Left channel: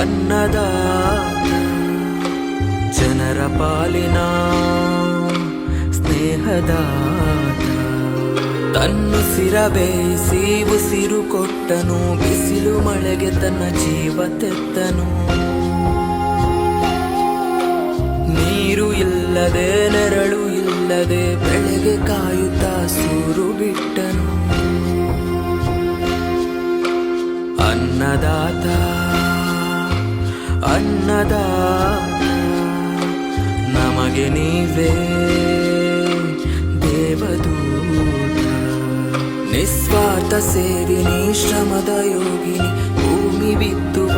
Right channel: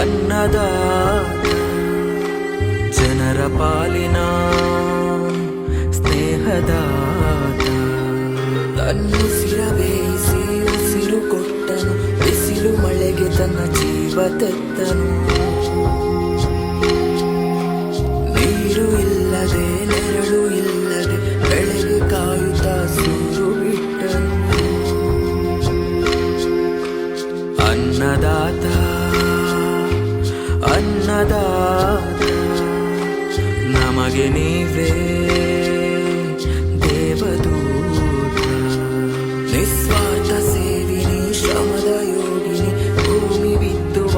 ಅನ್ನದಾತ ಜನರ ಪಾಲಿನ ಸ್ನೇಹದಾತ ತನ್ನುಸಿರ ಬೇಯಿಸಿ ಉಸಿರು ಕೊಟ್ಟನು ಬಿಸಿಲು ಮಳೆಗೆ ತನ್ನ ಜೀವ ತೆತ್ತನು ನೀರು ಇಲ್ಲದೆ ನೆರಳು ಇಲ್ಲದೆ ಬೆಳೆಗೆ ಕಾಯುತ್ತಾ ಸೂರು ಬಿಟ್ಟನು ಅನ್ನದಾತ ಅನ್ನದಾತ ನಮಗೆ ನೀವೇ ದೇವದೂತ ನಿಸ್ವಾರ್ಥ ಸೇರಿ ಶ್ರಮದ ಯೋಗಿನಿ ಭೂಮಿ ಬಿತ್ತುವ